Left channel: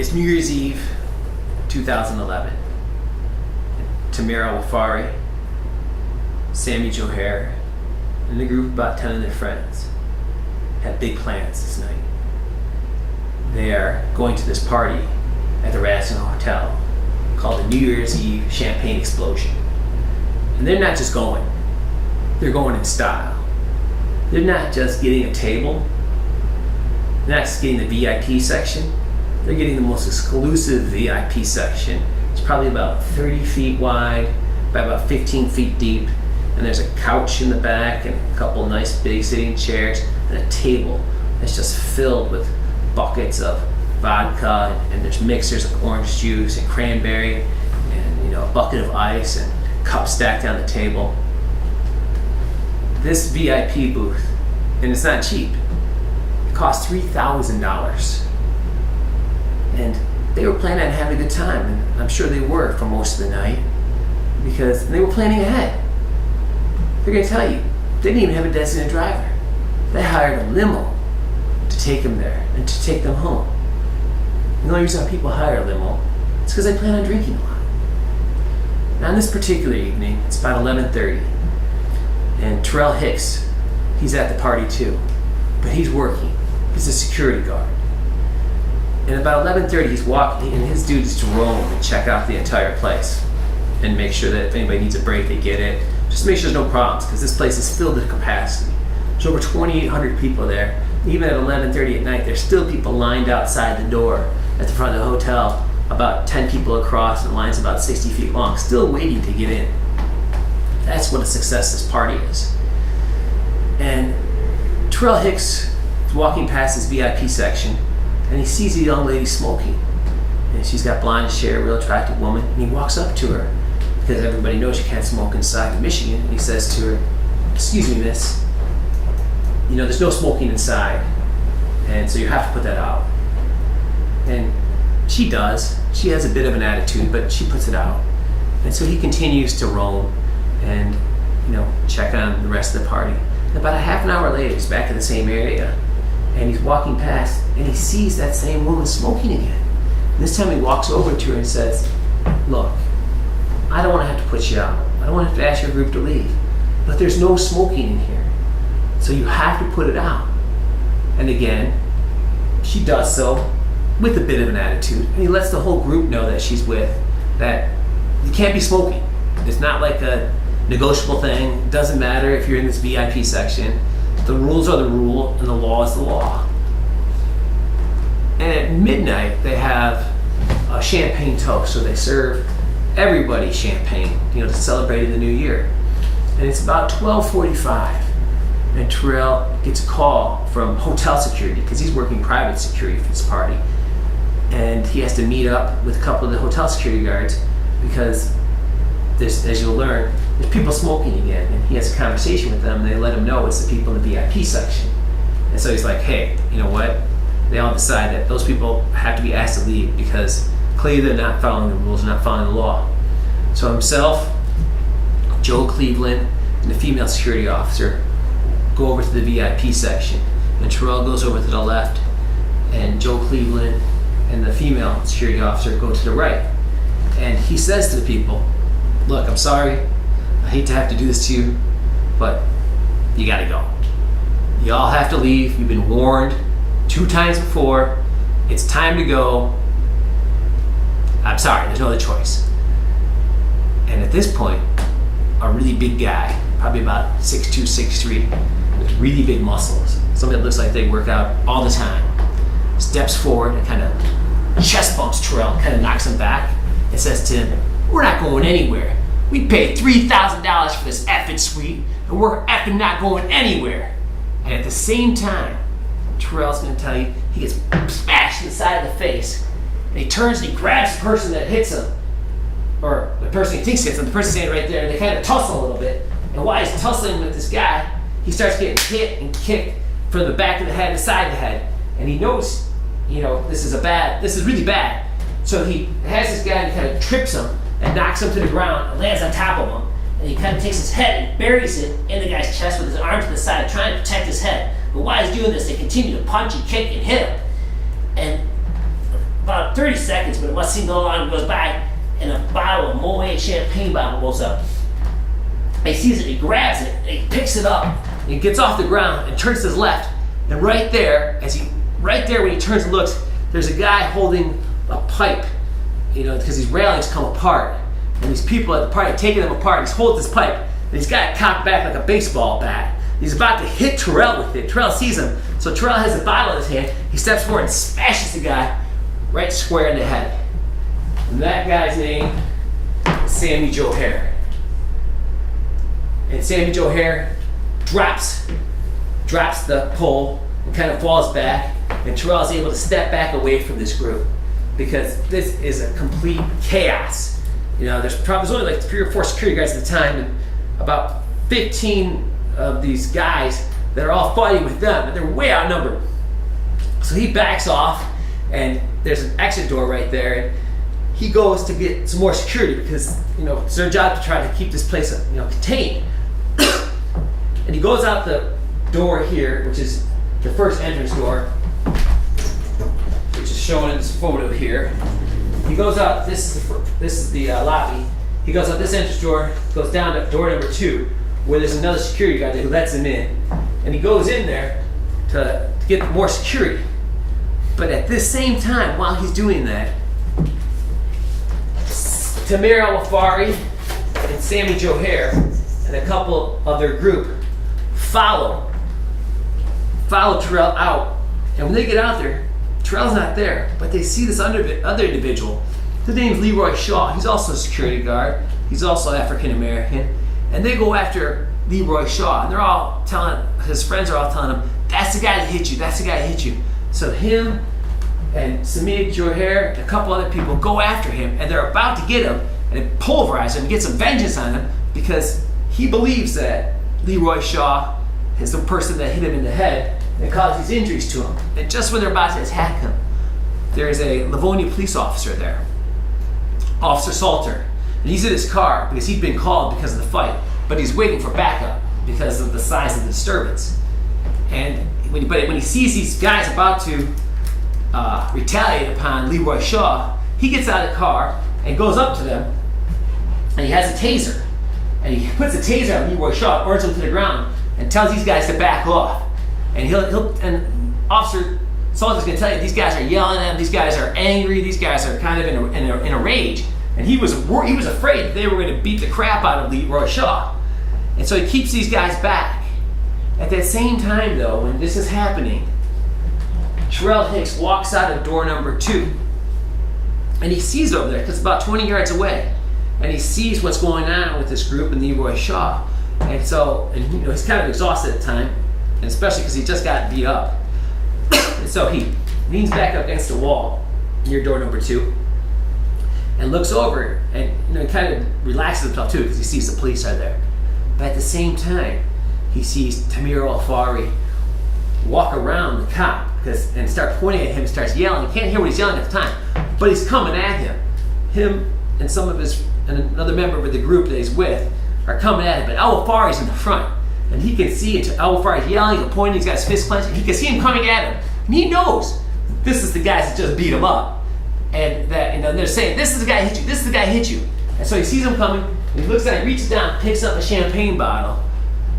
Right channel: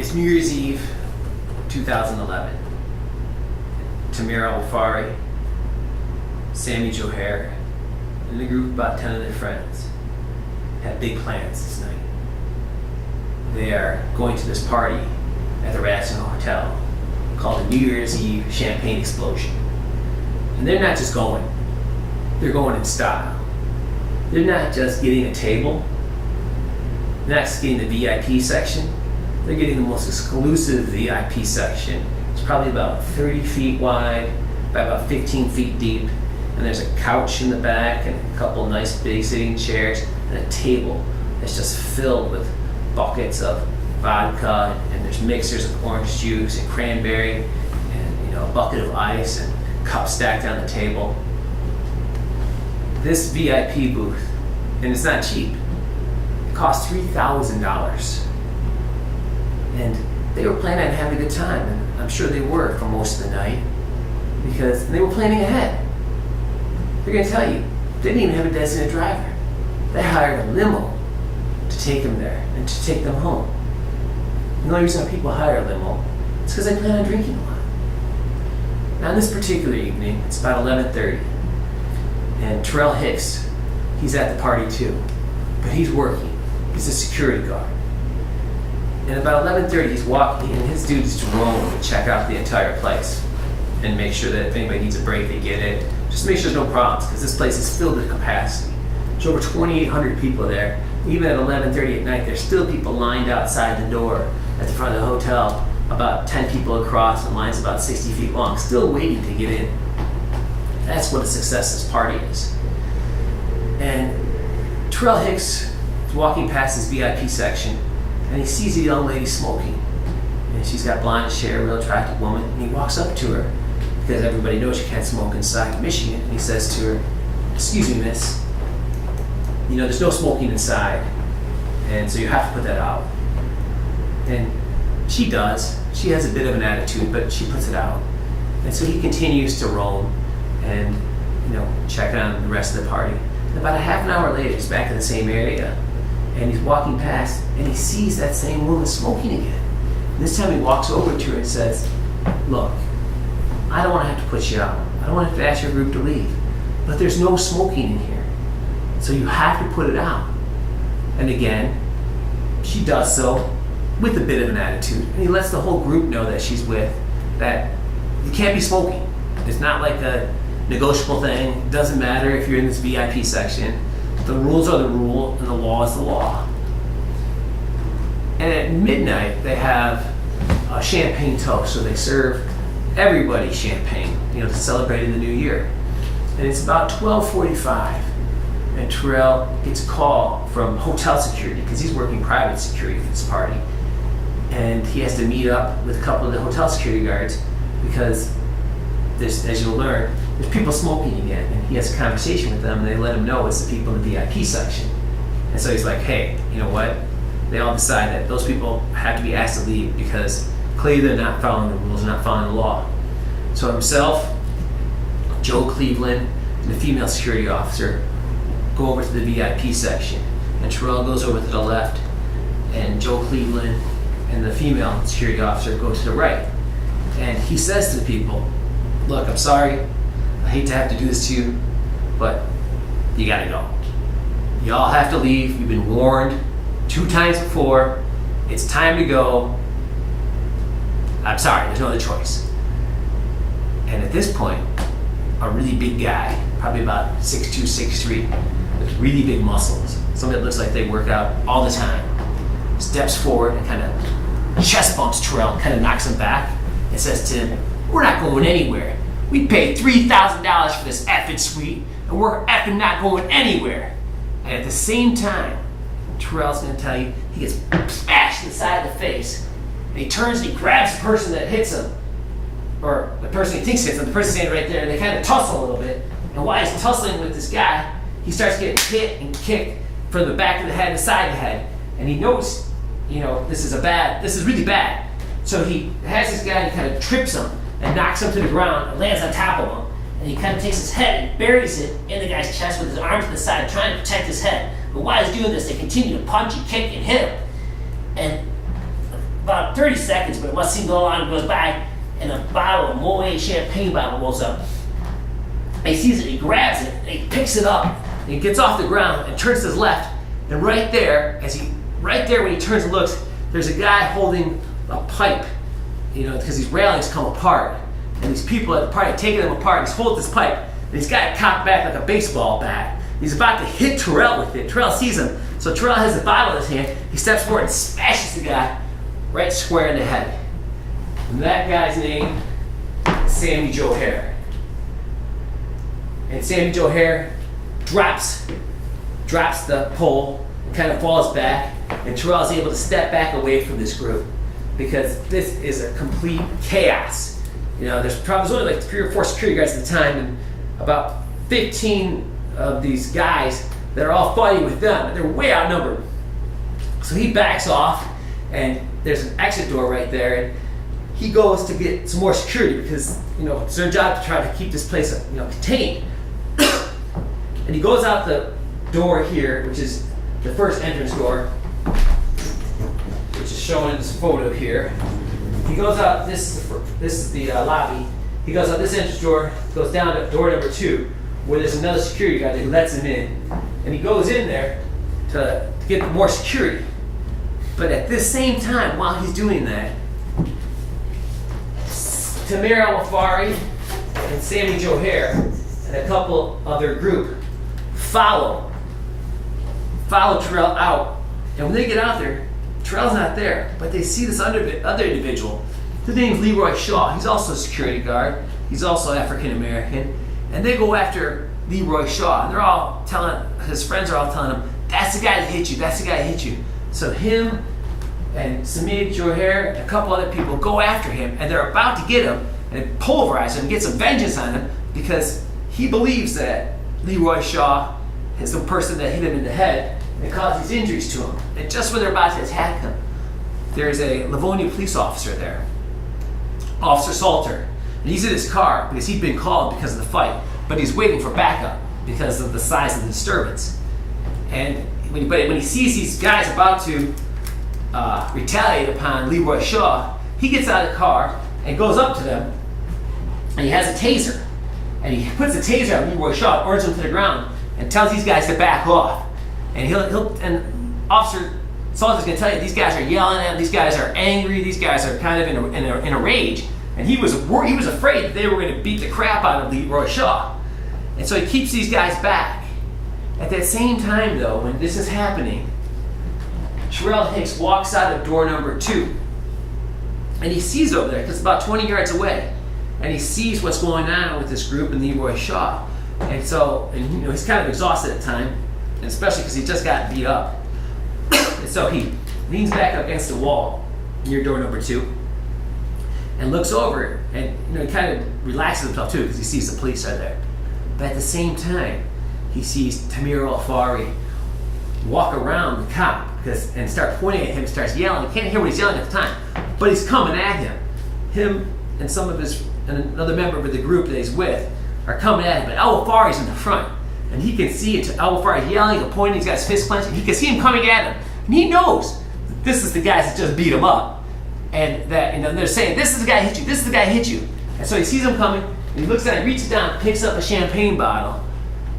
It's New Year's Eve, 2011. Tamir Al-Fari, Sammy Johar, and a group of about 10 of their friends have big plans this night. They are going to this party at the Radisson Hotel called the New Year's Eve Champagne Explosion. And they're not just going, they're going in style. They're not just getting a table, they're not just getting the VIP section, they're getting the most exclusive VIP section. It's probably about 30 feet wide by about 15 feet deep, and there's a couch in the back and a couple nice big sitting chairs and a table that's just filled with buckets of vodka, and there's mixers of orange juice and cranberry and a bucket of ice and cups stacked on the table. This VIP booth, and it's not cheap, it cost $3,000. And they were planning on having a good time, and I'm sure they were for most of the night, because they were planning ahead. They're going to tell you, they didn't even have a designated driver. They hired a limo to take them there and to take them home. The only reason why people hire a limo is because they plan on drinking a lot. Now, on this particular evening, it's about 11:30, and Terrell Hicks, he's at the party too, but he's working. He's a security guard. And about 11:30, he's walking, and his duty is to roam and check out the entire place and make sure that if anybody needs a break, they get it. Just make sure there's no problems, because this place is filled to capacity. There's over 2,800 people there. Even at 11:30 at night, there's still people lined outside the door at the front of the hotel, about 10 people across, and lines about 60 feet long, still waiting to get in. That's what a success this party is. And Terrell Hicks is walking past his VIP section, and he sees a young lady smoking. And she's got blonde hair, real attractive woman, and he walks up to her, because everybody knows you can't smoke inside of Michigan, and he says to her, "Excuse me, miss, there's no smoking inside, and so you have to put that out." And she does. She has a bit of an attitude, but she puts it out. And so he continues to roam and check on the rest of the party. And about a half an hour later, he's back in the same area, and he's walking past, and he sees that same woman smoking again. And this time he walks over to her and says, "Look, I don't want to have to put you out. I don't want to have to ask your group to leave, but there's no smoking in here, so you have to put it out." And again, she does so with a bit of an attitude, and he lets the whole group know that she's with that you can't be smoking. It's not like a negotiable thing. It doesn't matter if you're in this VIP section. The rules are the rule, and the law is the law. And at midnight, they have a champagne toast, so they serve everybody champagne, to celebrate in the new year. And it's about 12:45, and Terrell gets a call from hotel security, because he's working private security for this party, and he has to meet up with a couple of the hotel security guards, because there's, as you'll learn, there's people smoking again, and he has a conversation with them, and they let him know it's the people in the VIP section. And so he's like, "Hey, you know what?" They all decide that those people have to be asked to leave, because clearly they're not following the rules, they're not following the law. So himself, Joe Cleveland, and the female security officer go over to the VIP section, and Terrell goes over to the left, and Joe Cleveland and the female security officer go to the right. And he says to the people, "Look, I'm sorry, I hate to have to do this to you, but you gotta go. You all have to leave. You've been warned 2 times before. It's time to go. I'm sorry, there's no other choice." And at this point, a really big guy, probably about 6'2", 6'3", with really big muscles, somebody that looks like they work out all the time, steps forward and kind of chest bumps Terrell, kind of knocks him back, and says to him, "We're not going anywhere. We paid $3,000 for this effing suite, and we're effing not going anywhere." And at the same time, Terrell's going to tell you, he gets smashed in the side of the face, and he turns and he grabs the person that hits him, or the person he thinks hits him, the person standing right there, and they kind of tussle a little bit. And while he's tussling with this guy, he starts getting hit and kicked from the back of the head and the side of the head. And he knows, this is really bad. So he has this guy, and he kind of trips him and knocks him to the ground and lands on top of him. And he kind of takes his head and buries it in the guy's chest with his arm to the side, trying to protect his head. But while he's doing this, they continue to punch and kick and hit him. And about about 30 seconds, but it must seem a little long. Goes by, and a bottle of Moet champagne bottle rolls up. He sees it, he grabs it, and he picks it up, and he gets off the ground and turns to his left. And right there, when he turns and looks, there's a guy holding a pipe, because these railings come apart. And these people at the party are taking them apart, and he's holding this pipe, and he's got it cocked back like a baseball bat. He's about to hit Terrell with it. Terrell sees him, so Terrell has a bottle in his hand. He steps forward and smashes the guy right square in the head. And that guy's name is Sammy Joe Hare. And Sammy Joe Hare drops the pole and kind of falls back, and Terrell is able to step back away from this group because this is a complete chaos. There's only like 3 or 4 security guards at the time, and about 15 of these guys that are all fighting with them, and they're way outnumbered. So he backs off, and there's an exit door right there, and he goes to get some more security because it's their job to try to keep this place contained. And he goes out the door here, which is the first entrance door, which is shown in this photo here. He goes out. This is the lobby. He goes out this entrance door, goes down to door number 2, where there's another security guard who lets him in, and he goes in there to get more security. But at this same time, while he's doing that, Tamir Al-Wafari and Sammy Joe Hare and a couple of their group follow Terrell out, and when they get out there, Terrell's not there, but they see this other individual. His name's Leroy Shaw. He's also a security guard. He's also African American, and they go after Leroy Shaw, and they're all his friends are all telling him, "That's the guy that hit you. That's the guy that hit you." So him and Sammy Joe Hare and a couple other people go after him, and they're about to get him and pulverize him and get some vengeance on him because he believes that Leroy Shaw is the person that hit him in the head and caused these injuries to him. And just when they're about to attack him, there's a Livonia police officer there, Officer Salter, and he's in his car because he'd been called because of the fight, but he's waiting for backup because of the size of the disturbance. And when he sees these guys about to retaliate upon Leroy Shaw, he gets out of the car and goes up to them, and he has a taser, and he puts a taser on Leroy Shaw, orders him to the ground, and tells these guys to back off. And and Officer Salter's going to tell you these guys are yelling at him, these guys are angry, these guys are kind of in a rage, and he was afraid that they were going to beat the crap out of Leroy Shaw, and so he keeps these guys back. At that same time, though, when this is happening, Terrell Hicks walks out of door number 2, and he sees over there because it's about 20 yards away, and he sees what's going on with this group and Leroy Shaw, and so he's kind of exhausted at the time, and especially because he just got beat up. And so he leans back up against the wall near door number 2 and looks over, and he kind of relaxes himself too because he sees the police are there. But at the same time, he sees Tamir Al-Fari walk around the cop and start pointing at him, starts yelling. You can't hear what he's yelling at the time, but he's coming at him. Him and another member of the group that he's with are coming at him, but Al-Wafari's in the front. And he can see it. Al-Wafari's yelling and pointing, he's got his fist clenched, and he can see him coming at him. And he knows this is the guys that just beat him up. And that they're saying, "This is the guy who hit you, this is the guy who hit you." And so he sees him coming, and he looks at it, reaches down, picks up a champagne bottle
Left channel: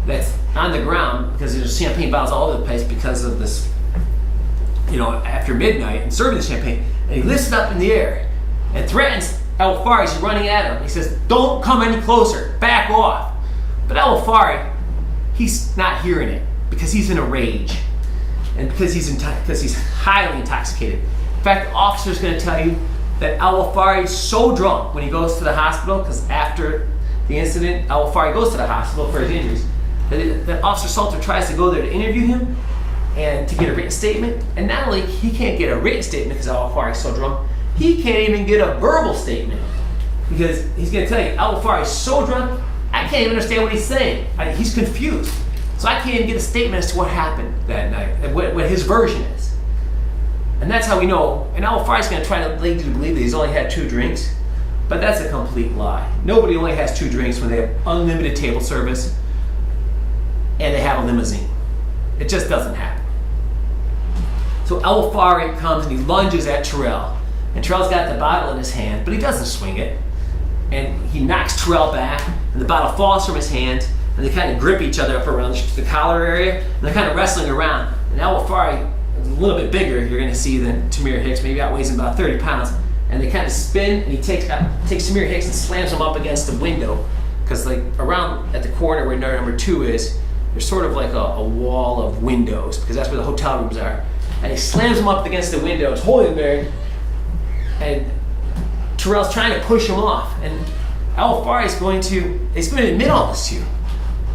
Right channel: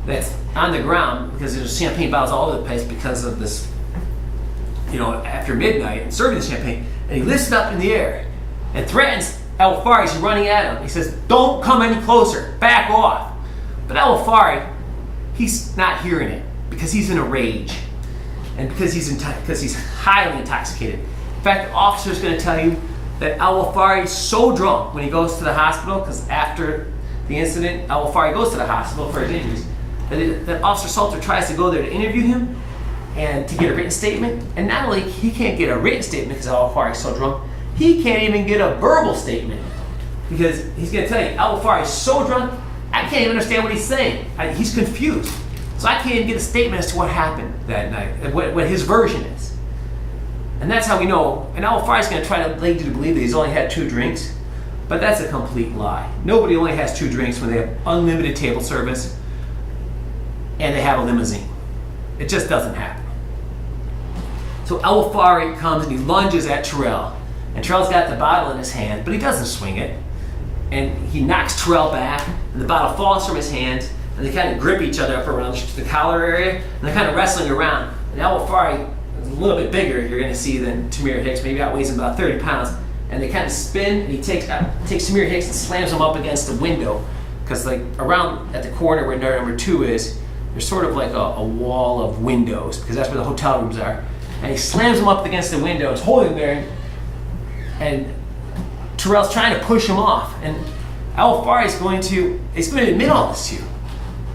that's on the ground, because there's champagne bottles all over the place because of this, after midnight, and serving the champagne. And he lifts it up in the air and threatens Al-Wafari as he's running at him. He says, "Don't come any closer, back off." But Al-Wafari, he's not hearing it because he's in a rage, and because he's highly intoxicated. In fact, the officer's going to tell you that Al-Wafari is so drunk when he goes to the hospital, because after the incident, Al-Wafari goes to the hospital for his injuries, that Officer Salter tries to go there to interview him and to get a written statement. And not only he can't get a written statement because Al-Wafari is so drunk, he can't even get a verbal statement because he's going to tell you, Al-Wafari is so drunk, I can't even understand what he's saying. He's confused. So I can't even get a statement as to what happened that night, what his version is. And that's how we know. And Al-Wafari's going to try to lead you to believe that he's only had 2 drinks, but that's a complete lie. Nobody only has 2 drinks when they have unlimited table service and they have a limousine. It just doesn't happen. So Al-Wafari comes and he lunges at Terrell, And Terrell's got the bottle in his hand, but he doesn't swing it. And he knocks Terrell back, and the bottle falls from his hand, and they kind of grip each other up around the collar area, and they're kind of wrestling around. And Al-Wafari is a little bit bigger, you're going to see, than Tamir Hicks, maybe outweighs him about 30 pounds. And they kind of spin, and he takes Tamir Hicks and slams him up against the window. Because like around at the corner where number 2 is, there's sort of like a wall of windows, because that's where the hotel rooms are. And he slams him up against the windows, holding him there, and Terrell's trying to push him off. And Al-Wafari is going to admit all this to you.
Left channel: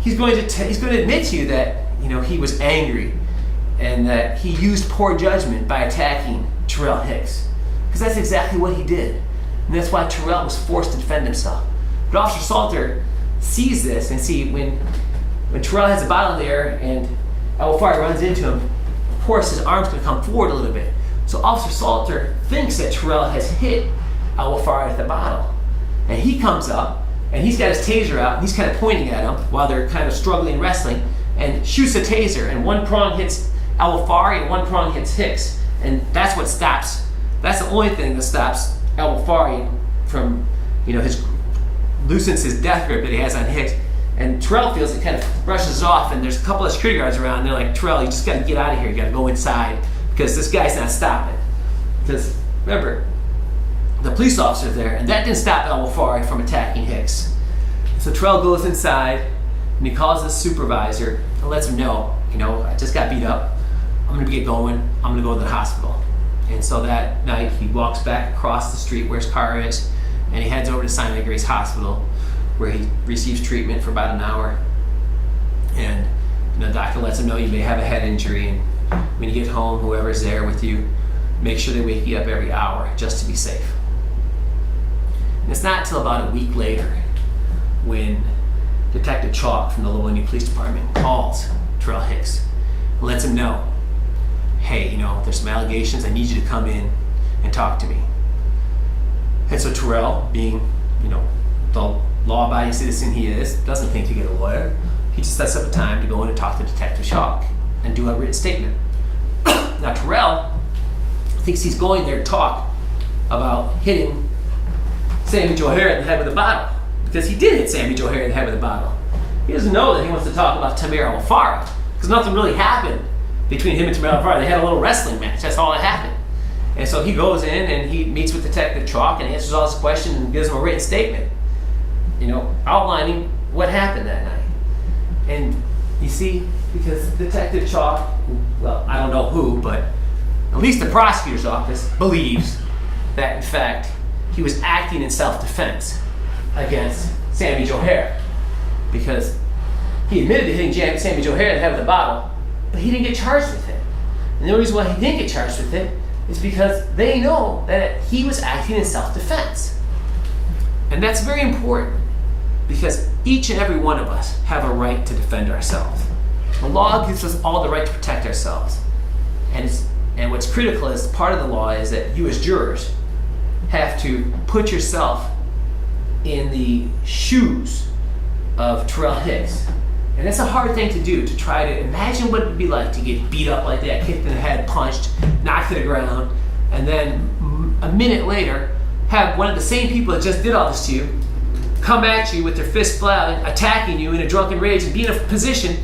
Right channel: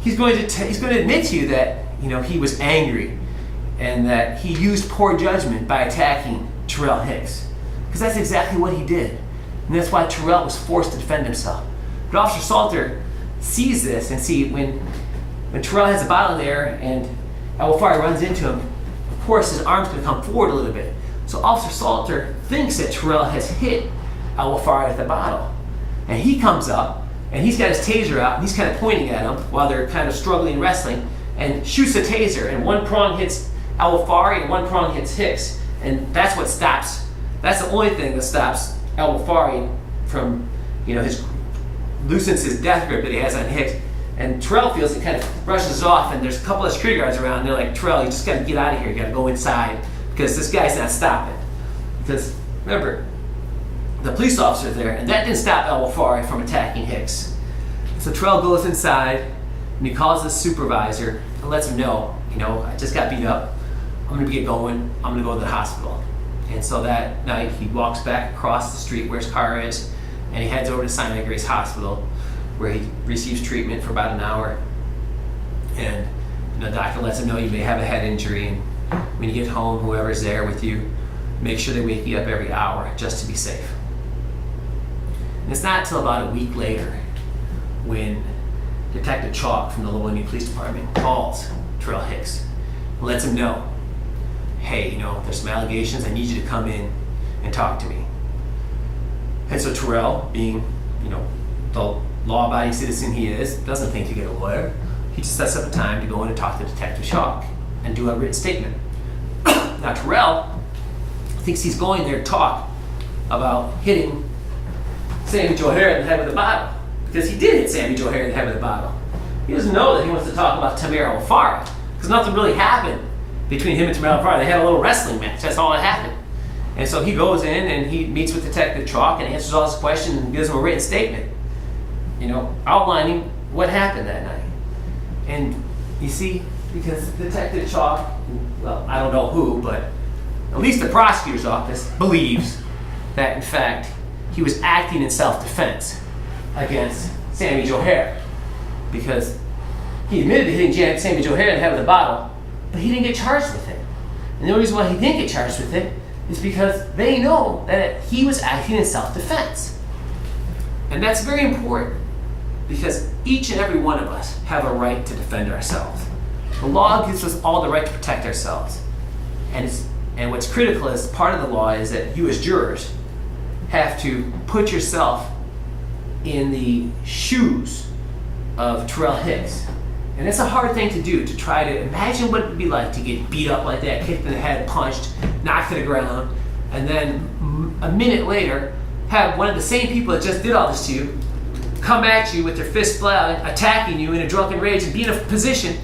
He's going to admit to you that he was angry and that he used poor judgment by attacking Terrell Hicks, because that's exactly what he did, and that's why Terrell was forced to defend himself. But Officer Salter sees this and when Terrell has a bottle there and Al-Wafari runs into him, of course his arm's going to come forward a little bit. So Officer Salter thinks that Terrell has hit Al-Wafari with the bottle, and he comes up and he's got his taser out and he's kind of pointing at him while they're kind of struggling and wrestling, and shoots the taser, and one prong hits Al-Wafari and one prong hits Hicks, and that's the only thing that stops Al-Wafari from loosens his death grip that he has on Hicks. And Terrell feels it, kind of brushes off, and there's a couple of security guards around, and they're like, Terrell, you just got to get out of here, you got to go inside, because this guy's not stopping. Because remember, the police officer's there, and that didn't stop Al-Wafari from attacking Hicks. So Terrell goes inside, and he calls his supervisor and lets him know, I just got beat up, I'm going to get going, I'm going to go to the hospital. And so that night he walks back across the street where his car is, and he heads over to Sinai Grace Hospital, where he receives treatment for about an hour. And the doctor lets him know you may have a head injury, and when you get home, whoever's there with you, make sure they wake you up every hour just to be safe. And it's not until about a week later when Detective Chalk from the Lowell Police Department calls Terrell Hicks and lets him know, hey, there's some allegations, I need you to come in and talk to me. And so Terrell, being, the law-abiding citizen he is, doesn't think to get a lawyer. He just sets up a time to go in and talk to Detective Chalk and do a written statement. Now Terrell thinks he's going there to talk about hitting Sammy Joe Hare in the head with a bottle, because he did hit Sammy Joe Hare in the head with a bottle. He doesn't know that he wants to talk about Tamir Al-Wafari, because nothing really happened between him and Tamir Al-Wafari. They had a little wrestling match, that's all that happened. And so he goes in and he meets with Detective Chalk and answers all his questions and gives him a written statement, outlining what happened that night. And you see, because Detective Chalk, well, I don't know who, but at least the prosecutor's office believes that, in fact, he was acting in self-defense against Sammy Joe Hare, because he admitted to hitting Sammy Joe Hare in the head with a bottle, but he didn't get charged with it. And the only reason why he didn't get charged with it is because they know that he was acting in self-defense. And that's very important, because each and every one of us have a right to defend ourselves. The law gives us all the right to protect ourselves. And what's critical as part of the law is that you as jurors have to put yourself in the shoes of Terrell Hicks. And that's a hard thing to do, to try to imagine what it would be like to get beat up like that, kicked in the head, punched, knocked to the ground, and then a minute later have one of the same people that just did all this to you come at you with their fists flying, attacking you in a drunken rage, and be in a position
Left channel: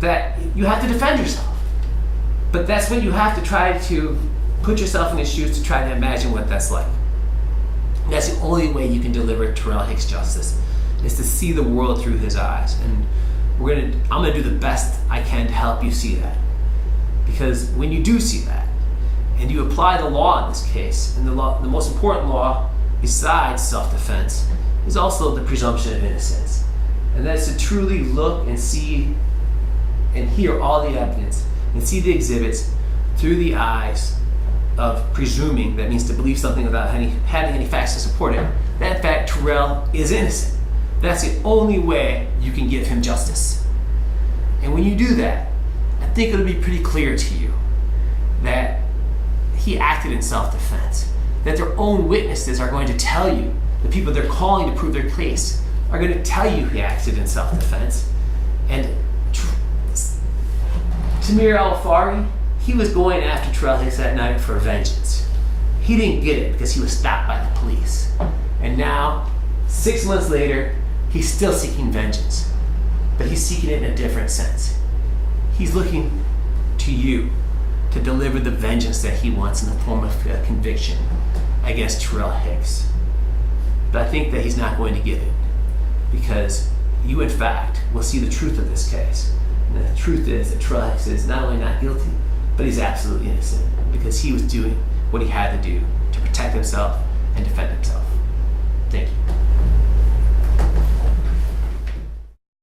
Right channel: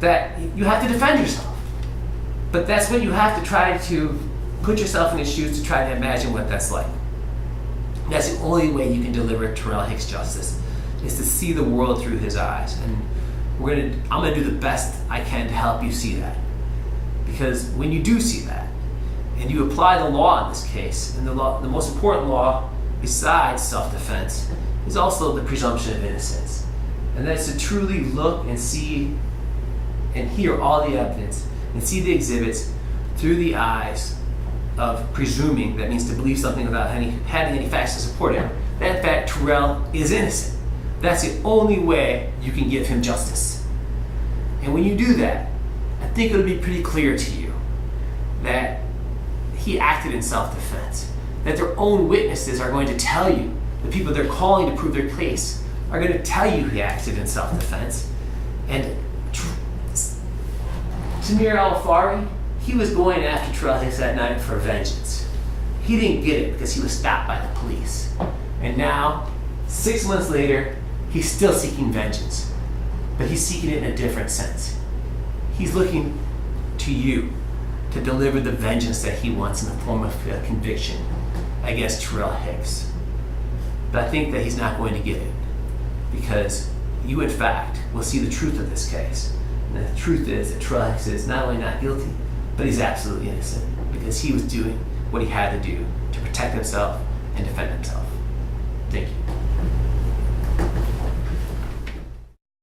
that you have to defend yourself. But that's when you have to try to put yourself in his shoes to try to imagine what that's like. And that's the only way you can deliver Terrell Hicks justice, is to see the world through his eyes. And I'm gonna do the best I can to help you see that. Because when you do see that, and you apply the law in this case, and the most important law besides self-defense is also the presumption of innocence. And that's to truly look and see and hear all the evidence and see the exhibits through the eyes of presuming, that means to believe something without having any facts to support it, that in fact Terrell is innocent. That's the only way you can give him justice. And when you do that, I think it'll be pretty clear to you that he acted in self-defense, that their own witnesses are going to tell you, the people they're calling to prove their case are going to tell you he acted in self-defense. And Tamir Al-Wafari, he was going after Terrell Hicks that night for vengeance. He didn't get it because he was stopped by the police. And now, 6 months later, he's still seeking vengeance. But he's seeking it in a different sense. He's looking to you to deliver the vengeance that he wants in the form of a conviction against Terrell Hicks. But I think that he's not going to get it, because you, in fact, will see the truth of this case. And the truth is that Terrell Hicks is not only not guilty, but he's absolutely innocent, because he was doing what he had to do to protect himself and defend himself. Thank you.